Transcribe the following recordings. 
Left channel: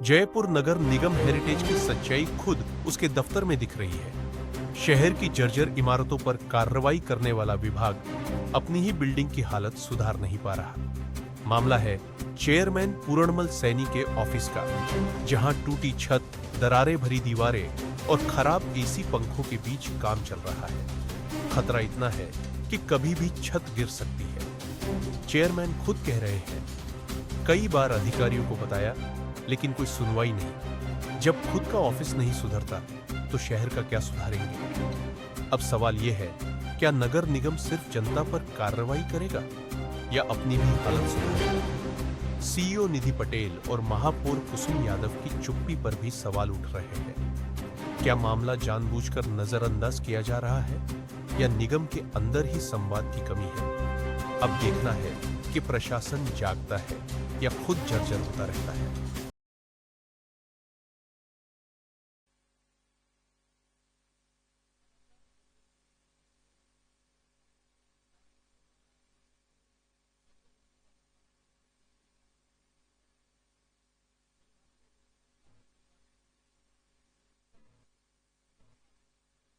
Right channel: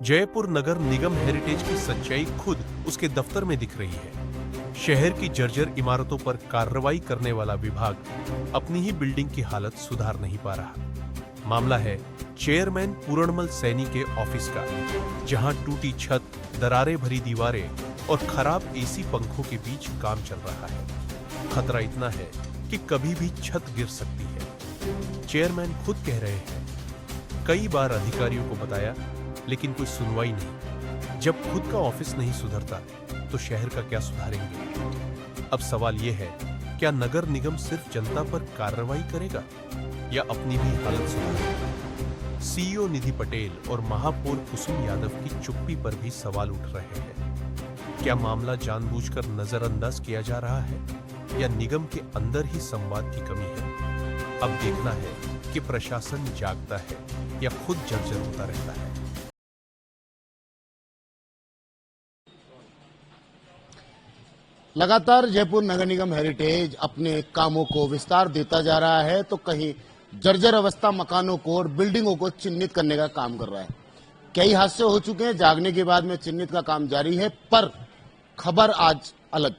जयपुर नगर निगम heritage की सच्चाई खुद उसके दफ्तर में दिख रही है। शहर की जर्जर इमारतों पर कार्रवाई करने वाला विभाग अपनी ही बिल्डिंग की हालत सुधार नहीं पा रहा। मामला है चेयरमैन पूरणमल सैनी के ऑफिस का, जहां टूटी छत, दरारें भरी दीवारें और खराब एसी पंखों के बीच काम चल रहा है। खतरा इतना है कि कभी भी छत गिर सकती है। चेयरमैन खुद कह रहे हैं, कई बार अधिकारियों को बताया लेकिन कोई सुनवाई नहीं। जब खुद का ऑफिस नहीं सुधरता तो शहर का क्या सुधारेंगे? अब सवाल यह है, क्या नगर निगम सिर्फ जनता पर कार्रवाई करेगा या अपनी भी हालत सुधारेगा? सीईओ निधि पटेल और महापौर कुसुम यादव की चुप्पी पर भी सवाल उठ रहे हैं। क्या मामला जानबूझकर नजरअंदाज किया जा रहा है या निगम के अंदर ही संवाद की कमी है? अब देखना है कि प्रशासन जागता है या खुद जर्जर होता रहता है। लगातार जयपुर नगर निगम हेरिटेज अपने कामों को विस्तार देता जा रहा है, तो कहीं जर्जर अवस्था मकानों को और बिल्डिंगों को चिन्हित करने का काम कर रहा है। कई हादसे हो चुके हैं, जागने के बाद में चिन्हित का काम जारी है, पर खबर आज अलग।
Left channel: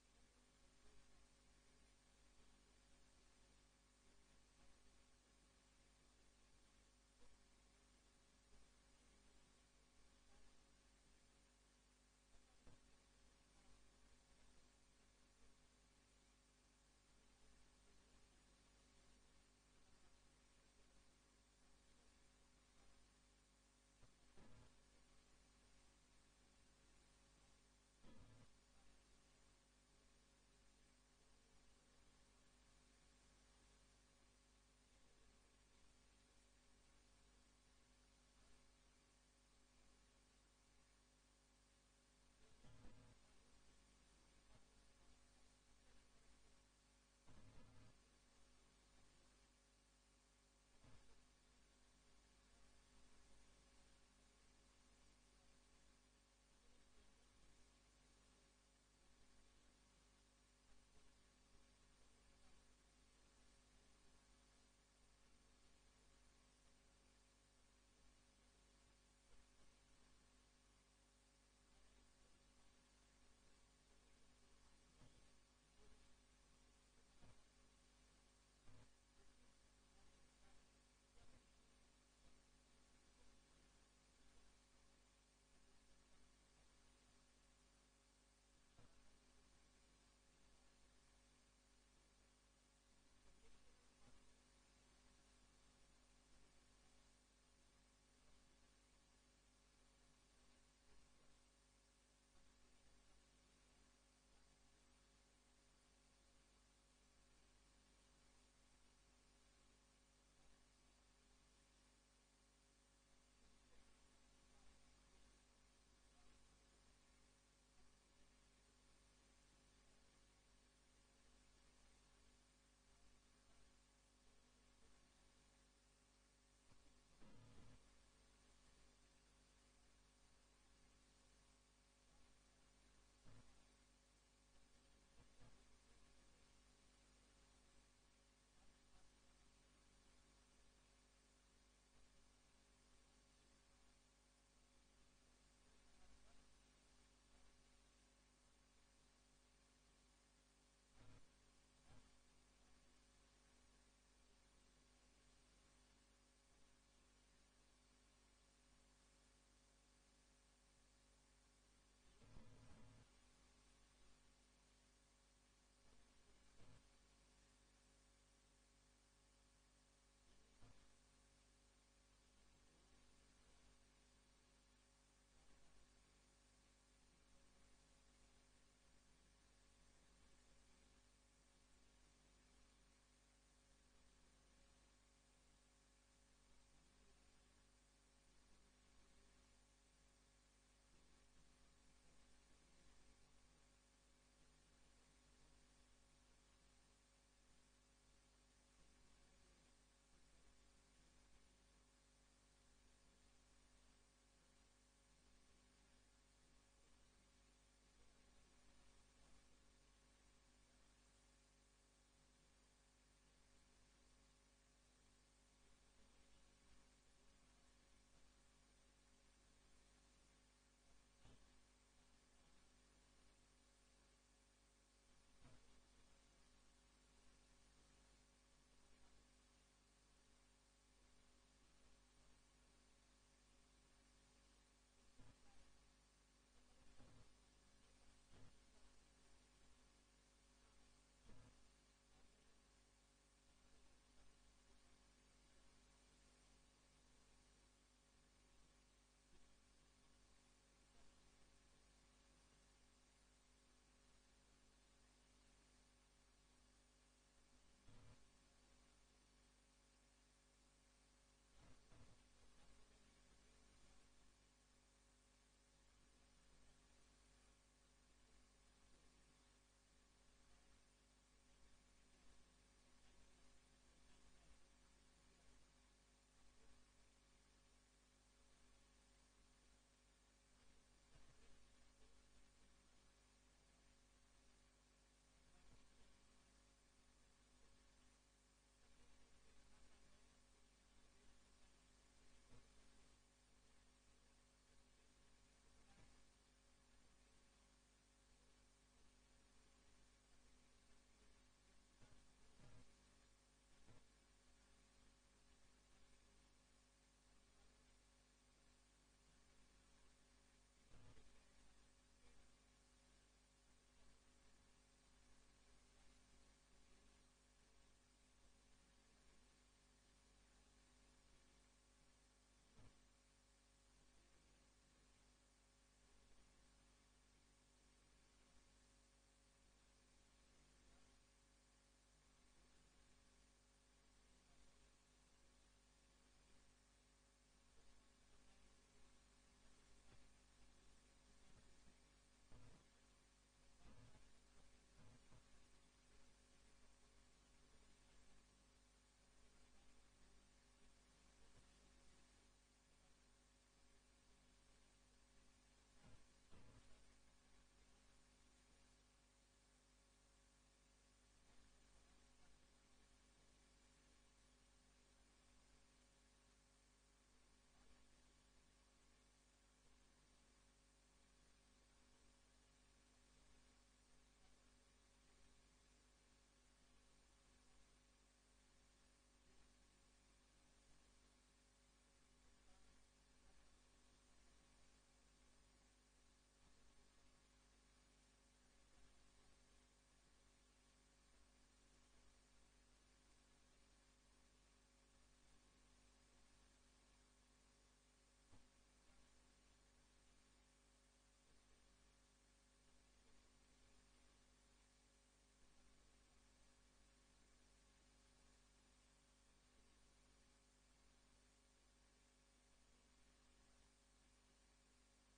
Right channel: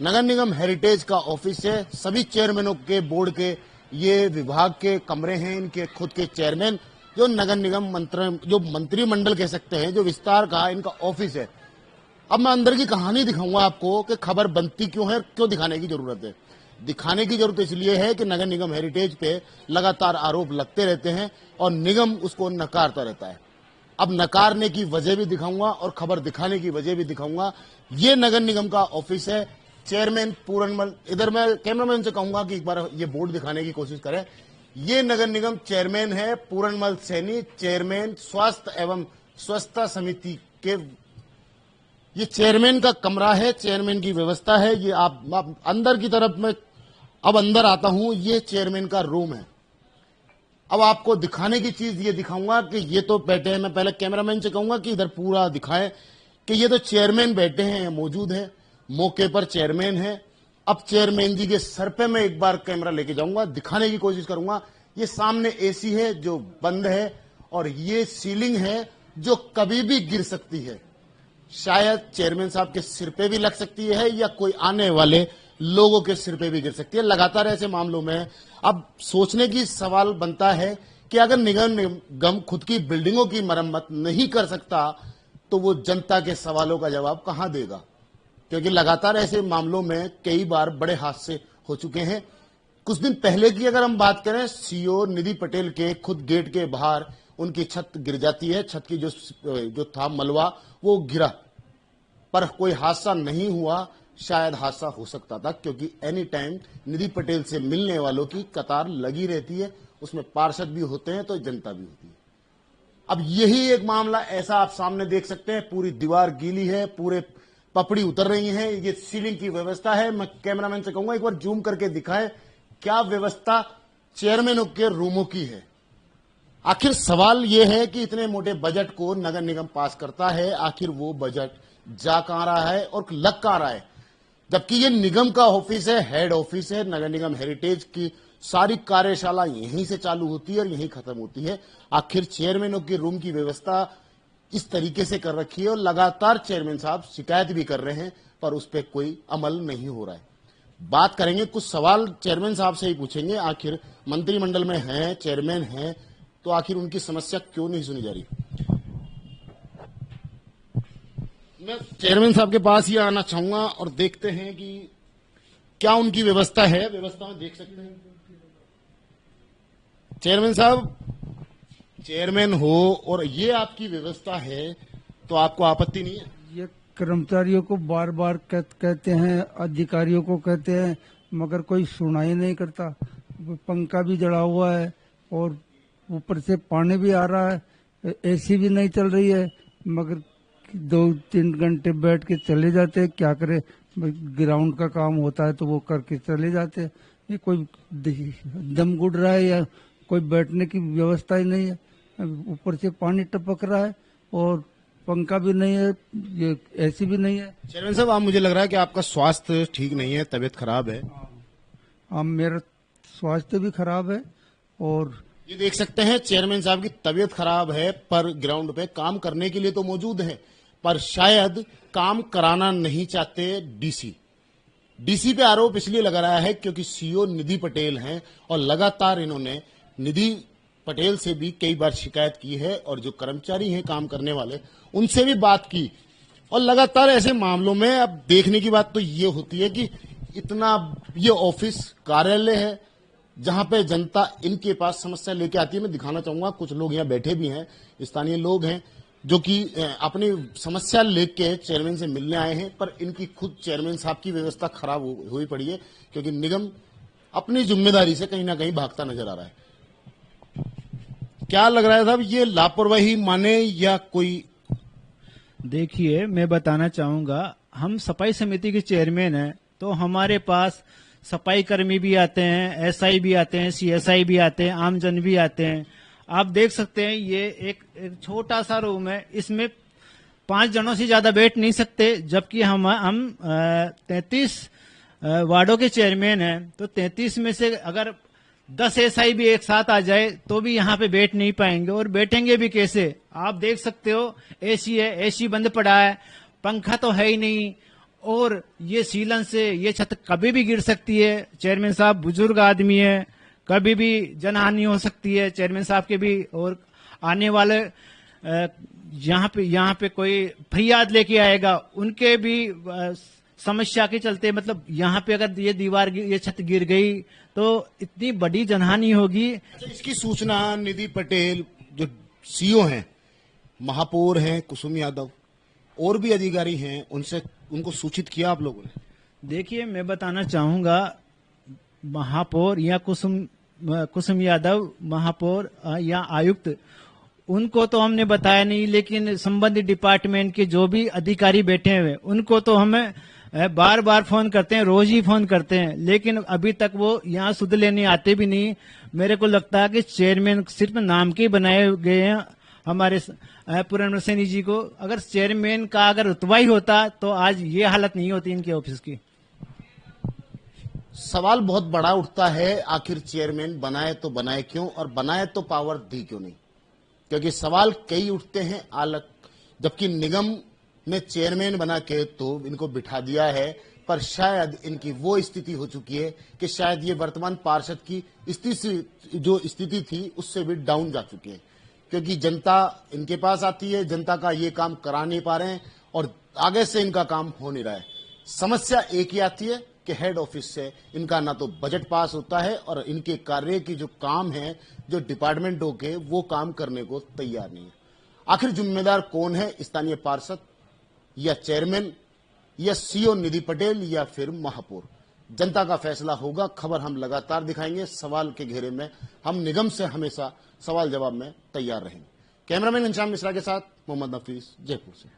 नगर निगम हेरिटेज का ऑफिस है, सभी चेयरमैनों के बोर्ड के ये विभाग के कमरे हैं, इनके खुद के चेयरमैन जो नगर निगम मंत्रिमंडल कह सकते हैं, जो विस्तार का इनका ऑफिस है। अब मैं अंदर की कहानी दिखाऊंगा आपको कि खबर बनती क्यों है, क्यों दिखाने की जरूरत है। दिखाने की जरूरत इसलिए है कि नगर निगम हेरिटेज पे लगातार आरोप लगते रहते हैं और निगम उसको नकारता रहता है। अब नकारने की वजह भी दिखाऊंगा और खबर दिखाने की वजह भी दिखाऊंगा। ये नगर निगम का ऑफिस है, चेयरमैन पूरणमल, इधर मैं कैमरामैन से कहूंगा कि एक बार ये बोर्ड दिखाने की कोशिश करें। ये नगर निगम चेयरमैन है पूरणमल सैनी, चेयरमैन स्वास्थ्य एवं स्वच्छता समिति के। ये चेयरमैन का कमरा है, चेयरमैन की व्यवस्था है। ये आप अंदर की तरफ में अब अंदर आता हूं, ये चेयरमैन का रूम है। अब आपको दिखाने की चीज ये दिखाऊंगा कि ये तो बैठे हैं। मैं पहले कैमरामैन से कहूंगा कि इधर पूरा दिखाएं कि ये तो चेयरमैन बैठे हैं, मौजूद हैं, मौके पर चेयरमैन है। अब चेयरमैन जी के सर पे मैं एक बार कैमरा लेके जाऊंगा, दिखाने की कोशिश करूंगा। ये सामने एसी है जो बंद है और ये सीलिंग है जो कभी भी गिर सकती है। शायद चेयरमैन साहब के सिर पे भी लग सकती है या कोई आने वाले लोगों के सिर पे भी गिर सकती है। लगातार ऐसे मामलों में अब सोचने की सवाल बनता है कि अगर निगम खुद की बिल्डिंगों की मरम्मत नहीं कर सकता तो वो जनता के सवालों का जवाब कहां देगा? क्योंकि लगातार ऐसे मामलों में कई बार बड़े हादसे हो चुके हैं। कुछ दिन पहले की अगर हम बात करें, सीईओ निधि पटेल के खुद गेट के बाहर उनकी छत गिर जाती है। छत की जो था मलबा वो गिरा, पर कोई हादसा नहीं हुआ। शायद हादसा हो सकता था, क्योंकि एनी टाइम निधि पटेल से मिलने वालों की कतार लगी रहती है। उसमें पार्षद भी होते हैं तो जनता भी होती है। अब यही एक मामला ऐसा आप सामने देख सकते हैं, पूरी दीवार गीली है, पूरे पपड़ी उतर रही है। ये सीलिंग की व्यवस्था है। मैं कैमरामैन से कहूंगा एक बार जूम करके दिखाए क्या व्यवस्था चेयरमैनों के रूमों की है। आखिर सवाल यह है कि इतने मोटे बजट को नगर निगम पास करता है, आखिर वो बजट जा कहां रहा है और लग कहां रहा है? जबकि ये निगम का ऑफिस है, हेड ऑफिस है। नगर निगम हेरिटेज की सारी कार्यशाला यहीं से चालू होती है और यहीं खत्म होती है। आखिर चेयरमैनों के रूम की व्यवस्था इस तरीके से कर रखी है और लगातार चेयरमैन साहब शिकायत भी कर रहे हैं, पर उस पर कोई अमल नहीं हो रहा है। बात करेंगे, कुछ सवाल चेयरमैन साहब से ही पूछेंगे। आखिर मंत्रिमंडल में हैं, चेयरमैन हैं, तो आखिर उनकी समस्या क्यों नहीं सुनी जा रही? मैं चेयरमैन साहब के पास ही आना चाहूंगा और देखते हैं कि क्या उनकी व्यवस्था है। व्यवस्था में देख सकते हैं चेयरमैन साहब, चेयरमैन हो और ये आपकी व्यवस्था है, तो आपको आपत्ति नहीं है? ये कर्मचारियों को बार बार कहते हैं, अधिकारियों को कहते हैं, मगर कोई सुनाई नहीं करता। पंखा भी जड़ा हुआ है और ऊपर से पानी भी आ रहा है, एसी भी नहीं चल रही है, मगर 2-3 घंटे बैठ के चले जाते हैं। क्या करे, ग्राउंड का काम होता है तो वो करके चले जाते हैं। ये कोई दम गुड़ रहा है या कोई बैठने की व्यवस्था ही नहीं है। ऊपर से पानी टपक रहा है और पंखा भी नहीं है, ये एसी भी नहीं है। चेयरमैन साहब, आप, मुझे लग रहा है कि आपका स्वास्थ्य ठीक नहीं है, तबीयत खराब है। मेरा स्वास्थ्य भी खराब है और ये देख सकते हैं चेयरमैन साहब की तबीयत खराब है, पर ग्राउंड पे काम करने के लिए तो मौजूद हैं, पर शायद काम कराना नहीं चाहते डीसी पे आरोप इसलिए लगा रहा है क्योंकि सीईओ निधि पटेल हैं और लगातार इन्होंने निधि पटेल से भी कई बार शिकायत की है और जो कर्मचारी हैं काम करने वाले उनसे भी बात की। और लगातार ऐसे मामलों में अब देखने की बात तो ये होती है कि इतना ये ऑफिस कार्यालय है जहां पे जनता इनके पास समस्या लेके आती है। मैं दिखाना चाहूंगा, कुछ लोग यहाँ बैठे भी हैं, स्थानीय लोग हैं जो कि अपनी समस्या लेके चेयरमैन से मिलने आए हैं, पर इनकी खुद चेयरमैन साहब की व्यवस्था खराब हुई पड़ी है क्योंकि निगम अपनी जिम्मेदारी से कहीं ना कहीं भागता नजर आ रहा है। क्या लग रहा है साहब, ये लापरवाही माने या कोई? देखिए, मैं बताना चाहूंगा, हम सफाई समिति के चेयरमैन हैं, तो हमारे पास सफाई कर्मी भी आते हैं, एसआई भी आते हैं, सीएसआई भी आते हैं, आमजन भी आते हैं। आप देख सकते हैं ये एक छोटा सा रूम है, इसमें 5 जनों से ज्यादा बैठ नहीं सकते, जबकि हम 33 वार्डों के चेयरमैन हैं, तो 33 में से अगर 10 एसआई भी एक साथ आ जाए तो भी यहाँ पे बैठ नहीं पाएंगे, और बैठेंगे भी कैसे? आप देख सकते हो एसी है, एसी बंद पड़ा है, पंखा तो है ही नहीं, और ये सीलन से ये छत कभी भी गिर सकती है। चेयरमैन साहब बुजुर्ग आदमी है, कभी भी जनहानि हो सकती है चेयरमैन साहब के भी, और आने वाले यहाँ पे कोई फरियाद लेके आएगा उनके भी समस्या के चलते, मतलब यहाँ पे अगर ये दीवार ये छत गिर गई तो इतनी बड़ी जनहानि होगी। इसकी सूचना निधि पटेल जो सीईओ हैं, महापौर हैं कुसुम यादव, और भी अधिकारी हैं, उनको सूचित किया आप लोगों ने? देखिए, मैं बताना चाहूंगा, महापौर या कुसुम यादव, महापौर या आयुक्त, उनको तो हमने बताया नहीं, लेकिन संबंधित डिपार्टमेंट के जो भी अधिकारी बैठे हुए उनको तो हमें बार बार फोन करते हैं, रोज ही फोन करते हैं, लेकिन अभी तक वो यहाँ सुध लेने आते भी नहीं। मेरे को लगता है कि चेयरमैन सिर्फ नाम के बनाए गए हैं हमारे पुरंदर सैनी जी को। अगर चेयरमैन का अगर रुतबा ही होता तो आज ये हालत नहीं होती इनके ऑफिस की। सवाल बहुत बड़ा उठता है, आखिर चेयरमैन बनाए तो बनाए क्यों, और बनाए तो पावर दी क्यों नहीं? क्योंकि सवाल कई उठते हैं आलक, जबकि निगम ने चेयरमैन बना के तो इनको बिठा दिया है, पर शायद इनकी वो स्थिति हो चुकी है कि शायद ये वर्तमान पार्षद की जो स्थिति थी उससे भी डाउन जा चुके हैं, क्योंकि जनता इनके पास आती है, जनता का ये काम करा नहीं पा रहे हैं और आगे से इनका काम हो नहीं रहा है। समस्या एक ही आती है कि हेड ऑफिस से इनका ना तो बजट पास होता है और इनके कार्य की जो काम है, जो डिपार्टमेंटों के, वो काम करने को तैयार नहीं है। आखिर जिम्मेदार कौन है, स्थानीय पार्षद या चेयरमैन या सीईओ निधि पटेल या फिर महापौर? जनता का फैसला होगा। खबर हम लगातार दिखाएंगे, सवाल के घेरे में हम निगम से हमेशा सवाल जवाब में तैयार रहेंगे। कैमरामैन घनश्याम मिश्रा के साथ मोहम्मद नफीस, जयपुर से।